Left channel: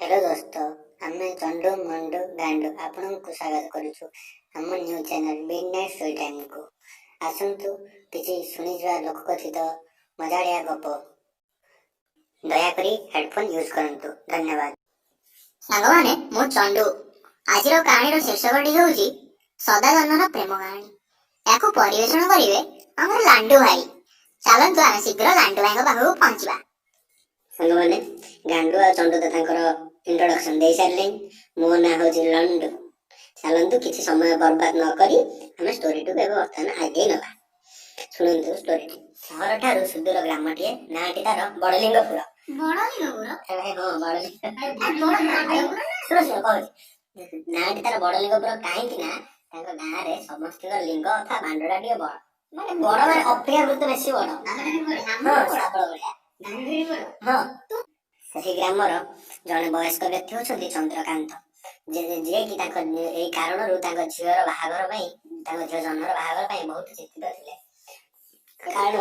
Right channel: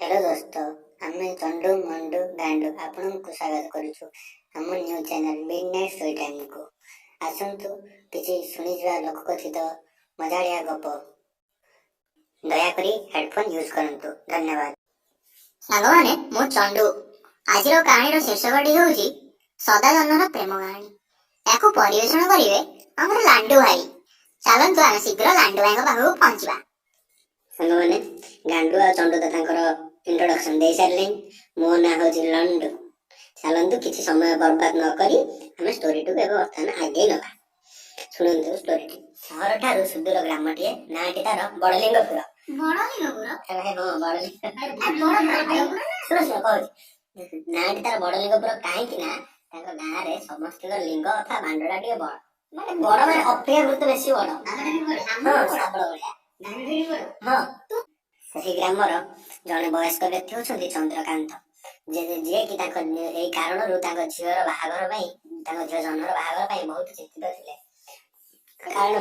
Hello दोस्तों, आमे चंडू mandu गांडू आपन को स्वागत करूछु हम new channel midnight story time को। आसंतु किछि सुनि जवा लोक कथित मजालिया गप। दया करी हेडफोन यूज करंतु। धन्यवाद। सांग माने मु चंडू। आजिर कहानी शीर्षकटी होउची सदाजन्मर प्रेम कहानी। याकू परिवेषण करिवे हमर लांडू भाई। चलंतु आमे शीघ्र लांडू भाई पाखु पहुंचबा। सांग माने गांडू आ चंडू त तांकर इंट्रोडक्शन दे सारले। मो ना होची लंडू। चलंतु किछि समय बर्बाद न करी हमें स्टोरी टू एबे वर्तमान आगे नबा। सुनंतु स्टोरी टी। शहर ठारू सुदूर ग्रामटिए नाटी तार बड़लिंगपुर। बड़लिंगपुर हां बड़लिंगपुर सुनो कहूची नाटी तार बड़लिंगपुर काहे कि ना तांको गां रे समस्त लिंग अथा बांडडा टिए बड़ माने बड़ माने अपेक्षाकृत बेसी बड़ हां साबळ बढिया हां ସେହି ଗ୍ରାମର ଜଣେ ବୟସ୍କ ବ୍ୟକ୍ତି ହେଉଛନ୍ତି ଚନ୍ଦ୍ରକାନ୍ତ, ଯିଏ କି ତାଙ୍କ ଏହି କାରଣରୁ ତାଙ୍କ ଝିଅର ବାହାଘର ପାଇଁ ତାଙ୍କ ଝିଅ ଜହ୍ନର ବାହାଘର ପାଇଁ ବହୁତ ଚିନ୍ତିତ ଥିଲେ। କାରଣ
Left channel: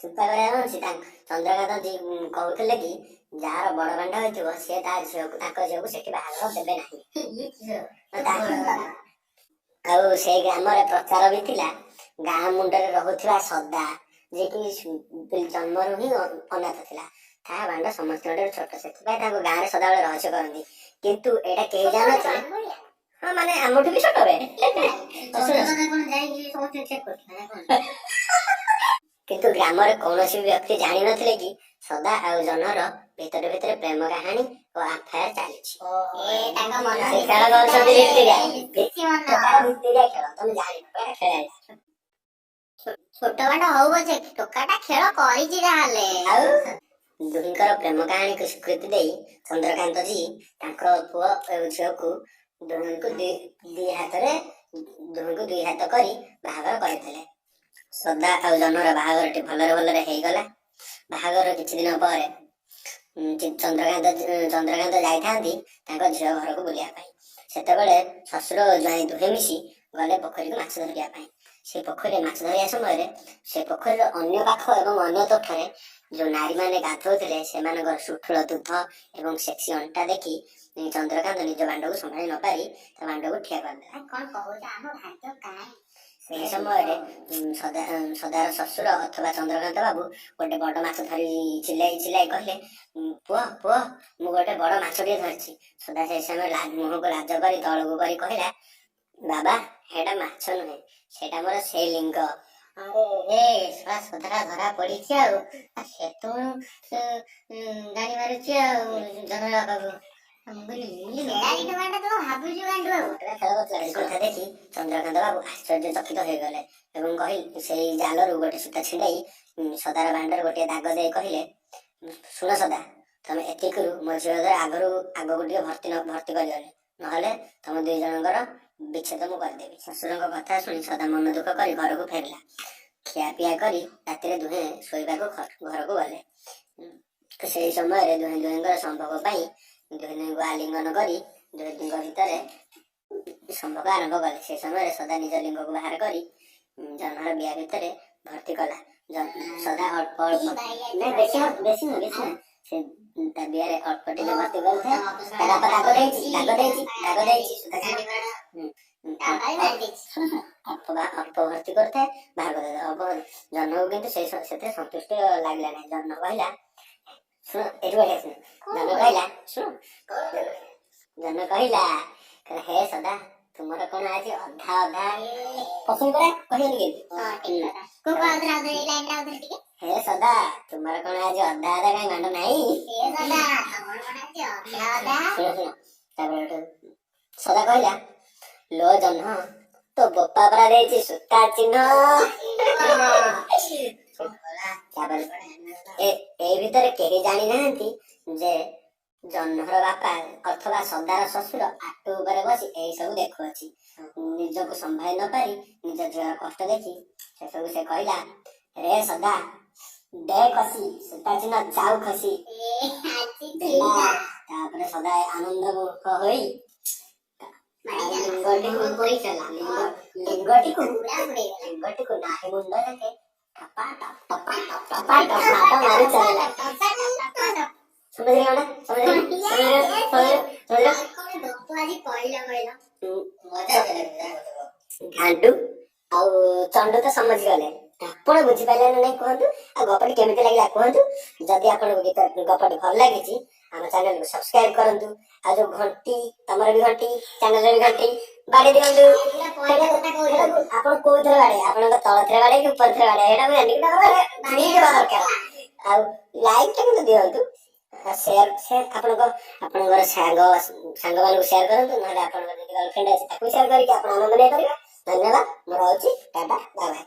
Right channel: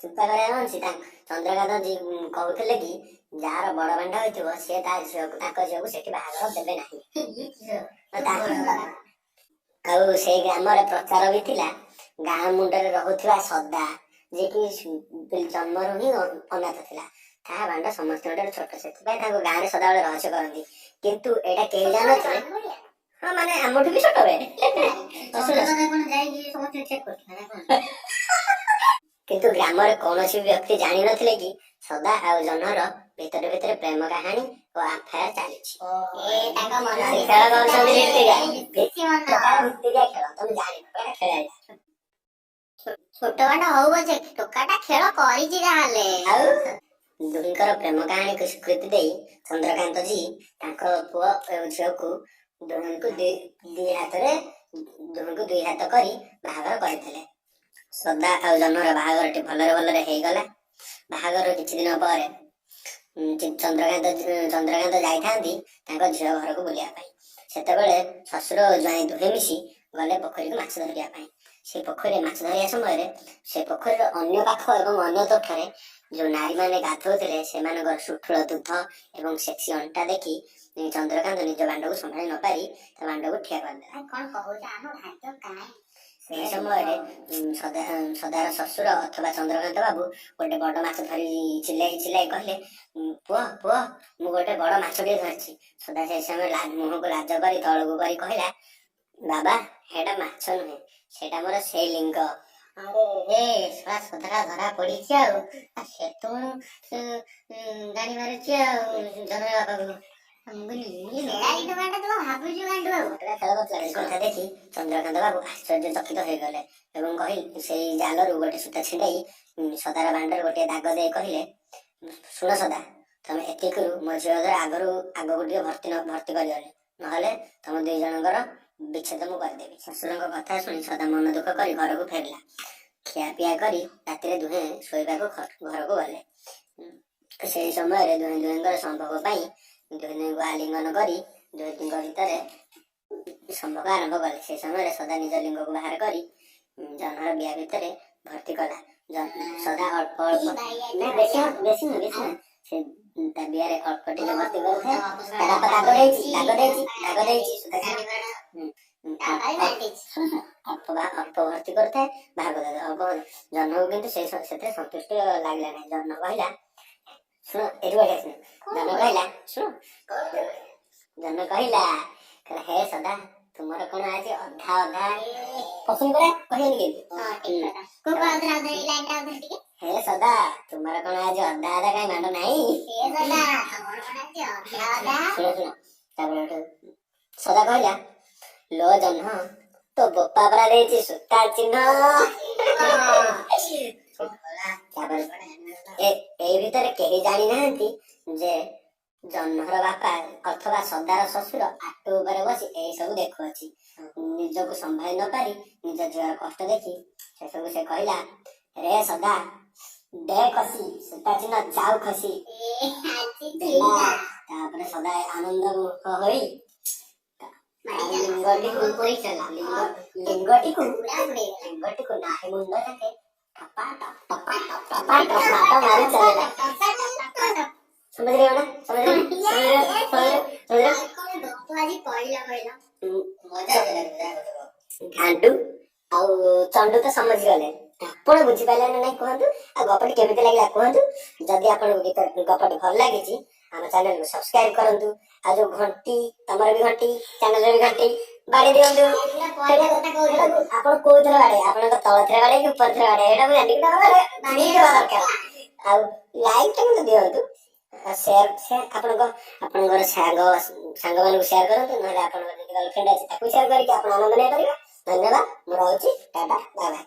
ଚିନ୍ତା କରିବା ଅଛି ଚନ୍ଦ୍ରକାନ୍ତ କହୁଥିଲେ କି ଯାହାର ବଡ ବାଣ୍ଡ ହୋଇଥିବ ସିଏ ତାଙ୍କ ଝିଅକୁ ସେଠି ବାହାଘର ଦେବେ ନାହିଁ। ଆଉ ସେଇ ଗ୍ରାମରେ ପ୍ରଚାର ବି ଥିଲା ଗାଁ ମୁଣ୍ଡରେ ରହୁଥିବା ସଦା, ଯିଏକି ଜନ୍ମରୁ ହିଁ ଅନାଥ ଥିଲା। ତା ବାଣ୍ଡ ସମସ୍ତଙ୍କଠାରୁ ଛୋଟ, ସେଥିପାଇଁ ତାଙ୍କ ଗାଁରେ ସଦାବେଳେ ରହସ୍ୟ କରନ୍ତି। କିନ୍ତୁ ଏଇଟା କେହି ଜାଣିନଥିଲେ। ହଁ ମାନେ ଆମଠୁ ବି ଛୋଟ କିନ୍ତୁ ଗ୍ରାମରେ କୌଣସି ବ୍ୟକ୍ତି ଜାଣିନଥିଲେ କି ସଦା ଆଉ ଜହ୍ନର ଭିତରେ ଭିତରେ ପ୍ରେମ କାହାଣୀ ଓ ଆଫାୟାର ଚାଲିଛି। ଖେଳ କରୁଛନ୍ତି ଭିତିରିଆ ଖେଳ, ତମେ ଜାଣିନ ଖେଳ ଛୋଟ ବାଣ୍ଡ ହଉ ପଛେ ଟୋକାଟା ଖେଳ କରିଛି ଯାହାହେଲେ। ଆଉ ଦୁହିଁଙ୍କର ପ୍ରେମ କାହାଣୀକୁ ସ୍ୱୀକୃତି ଦେଇ ଚନ୍ଦ୍ରକାନ୍ତ ଜୀ ତାଙ୍କ ପୁଅ ଓ ଝିଅକୁ ଦୁହିଁଙ୍କୁ ଦୁଇ ହାତ କରି ବାହାଘର କରିଥିଲେ। ସଦା ଆଉ ଜହ୍ନର ବାହାଘରଟି ଭଲରେ ଭଲରେ ହେଇଗଲା। ବାହାଘର କିଛି ଦିନ ପରେ ଚନ୍ଦ୍ରକାନ୍ତ ଯାଇଥାନ୍ତି ତାଙ୍କ ଝିଅ ଘରକୁ ବୁଲିବା ପାଇଁ। ସେତେବେଳେ ଶ୍ୱଶୁର ଓ ଜ୍ୱାଇଁ ଦୁହେଁ ମିଶି ଗଲେ ପୋଖରୀକୁ ମାଛ ଧରିବା ପାଇଁ। ସେ ପୋଖରୀରେ ମାଛ ଧରିବା ସମୟରେ ସେ ପୋଖରୀର ଅନ୍ୟ ପାଖ ଏବଂ ଅନ୍ୟ ତଟରେ ଯୋଉ ନାରୀମାନେ ଗାଧୋଉଥିଲେ ସେମାନଙ୍କର ସୁଠୁଳ ଦୁଧ ଏବଂ ସେକ୍ସି ଅଣ୍ଟା ଦେଖି ଚନ୍ଦ୍ରକାନ୍ତ ନିଜ ବାଣ୍ଡକୁ ସମ୍ଭାଳି ନ ପାରି ତା ବାଣ୍ଡକୁ ଠିଆ କରିଦେଲା। କଣ କହୁଛ ଆମ ଭାଗ୍ୟ କାହିଁ। ସେହି ସମୟରେ ସଦାର ଶ୍ୱଶୁର ଅଥବା ଚନ୍ଦ୍ରକାନ୍ତ ବାବୁ ଗୋଟେ ବଡ ମାଛ ଧରି ଚିଲ୍ଲାଇ କହିଲେ, ପୁଅ ପୁଅ ମୁଁ ଗୋଟେ ବଡ ମାଛଟିଏ ଧରିଛି। ସଦା ସେ ସମୟରେ ମୁହଁକୁ ଲାଜ କରି ତଳକୁ କରି କହିଲା, ବାବା ଏଇଟା ମାଛ ନୁହେଁ, ସେଇଟା ମୋର ସେଇ ଲିଙ୍ଗ। ଆରେ ସଦା ଧରା ପଡିଛି ଆଉ ସେତୁ ଗାଡି ମାରୁଛି ଆଉ ଜହ୍ନ ବାପାକୁ ଦେଖି ଚନ୍ଦ୍ରକାନ୍ତ ବାବୁ ଆଶ୍ଚର୍ଯ୍ୟଚକିତ ହୋଇଗଲେ ଏବଂ କହିଲେ ସେଇ ଜାଲରୁ ଗୋଟେ ସୂତା ଛିଣ୍ଡାଇ ସଦାର ବାଣ୍ଡରେ ଗୋଟିଏ ଦାଗ ଦେଇ କହିଲେ, ଶୁଣ ସଦା, ତମେ ଏତିକିରୁ ମୋ ଝିଅ ଆଗକୁ ଟିକେ ଭର୍ତ୍ତି କରିବନି, ନହେଲେ ତମ ଦୁଇ ଜଣଙ୍କର ବିଚ୍ଛେଦ ମୁଁ କରିଦେବି। ଶ୍ୱଶୁରଙ୍କ କଥା ଶୁଣି ସଦା ମନ ଦୁଃଖ କରି ଘରକୁ ଫେରିଲା। ଖିଆପିଆ କରି ରାତିରେ ଦୁହେଁ ଶୋଇବାକୁ ଘରକୁ ଗଲେ। ସେହି ସମୟରେ ଦୁହିଁଙ୍କର ସମ୍ଭୋଗ ପାଇଁ ଦୁହିଁଙ୍କୁ ଆଲିଙ୍ଗନ କରି ଦୁହିଁଙ୍କ ଭିତରେ ସମ୍ଭୋଗ ଆରମ୍ଭ କଲେ। ସେ ସମୟରେ ସଦା ନିଜ ଲିଙ୍ଗକୁ ବାହାର କରି ଜହ୍ନର ବିଆ ଭିତରେ ଭର୍ତ୍ତି କଲା। ସଦା ଅଳ୍ପ ବେଶୀ ନୁହେଁ ସେ ତା ବିଆରେ ଅଳ୍ପ ଟିକେ ଭର୍ତ୍ତି କରୁଥାଏ। ଦାଗ ଦେଇଛି ଅଳ୍ପ ଭର୍ତ୍ତି କରିଥାଏ, ବାହାର କରିଥାଏ ଅଳ୍ପ। ଜହ୍ନକୁ କିନ୍ତୁ ସେଥିରେ ସନ୍ତୁଷ୍ଟ ଲାଗିଲା ନାହିଁ। ଜହ୍ନ କହିଲା, ଶୁଣ ଏଠି ବଢିଆ ଶୁଣ। ଜହ୍ନ କହିଲା ହେ ସଦା, ତୁମର କଣ ଆଜି ଅଧା ଅଧା ପସନ୍ଦ କରେ କହିବନି କେମିତି? ହେ ସଦା, ତୁମର କଣ ଆଜି ଅଧା ଅଧା କାହିଁ ମାଣ୍ଡ ନାହିଁ? ଶୁଣ ତାପରେ ସଦା କହିଲା, ଲୋ ଜହ୍ନ, ତୋ ବୋପା ପରା ଦେଇଛି ସୂତା ଚିହ୍ନ। ତାପରେ ଏଇ ଭିତରେ କେହି ଜାଣିନାହାନ୍ତି ଯେ ଜହ୍ନର ବାପା ଅଥବା ସଦାର ଶ୍ୱଶୁର ଆଟୁ ଉପରେ ବସି ଏଇ ସବୁ ଦେଖୁଅଛି। ନିଜକୁ ସମ୍ଭାଳି ନ ପାରି ନିଜ ଝିଅର କଷ୍ଟ ଦେଖି ସେସବୁ ସେ କହିଲା, ରେ ସଦା ଦେ କସି ସୂତା ଚିହ୍ନ ଯାଉ ଖସି। ତାପରେ ସଦା ଆନନ୍ଦ ହୋଇ ଲିଙ୍ଗଟିକୁ ନାହି ମୁଣ୍ଡ ଯାକେ ଟପା ଟପ ମାରି ଚାଲିଲା। समझ रहे हो ना? समझ रहे हो? समझ रहे हो? समझ रहे हो? କଣ ଗପ ଆଜି କହିଲା କହିଲ? ଘାଣ୍ଡୁ ଆଉ ଚଣ୍ଡୁ ତ ସମଝିଗଲେ। ଆପଣ ବୁଝିପାରିଲେ ନା ନାଇଁ କୁହନ୍ତୁ? ଆଉ ଗପଟି କେମିତି ଲାଗିଲା କୁହନ୍ତୁ? ଯଦି ଆପଣଙ୍କୁ ଗପଟି ଭଲ ଲାଗିଛି ଆମ ଚ୍ୟାନେଲକୁ ସବସ୍କ୍ରାଇବ କରନ୍ତୁ। ଆଉ ଯୋଉ ଘଣ୍ଟି, ତମର ବି ଘଣ୍ଟି, ଚ୍ୟାନେଲରେ ବି ଘଣ୍ଟି ବାଡେଇ ଦିଅନ୍ତୁ। ଆପଣ କୋଉଥିରେ ବାଡେଇ, ଆପଣଙ୍କ ତଳ ଥିରେ ବାଡେଇ କି ଉପର ଥିରେ ବାଡେଇ ସେଇଟା ମୁଁ ଜାଣିନି, କିନ୍ତୁ ଆମର ବାଡେଇବା ଦରକାର। ଆଉ ଲାଇକ୍ ଟା କିନ୍ତୁ ଦିଅନ୍ତୁ। ସେୟାର ଆପଣଙ୍କର ସାଙ୍ଗମାନଙ୍କୁ ସେୟାର କରନ୍ତୁ, ନହେଲେ ଆପଣଙ୍କର ଯଦି ଗର୍ଲଫ୍ରେଣ୍ଡ ଅଛି ତାକୁ ସେୟାର କରିକି ଆପଣ ଆନନ୍ଦ ନେଇପାରିବେ। ଧନ୍ୟବାଦ, ମୁଁ ରହୁଛି, ଟାଟା, ବାଏ ବାଏ।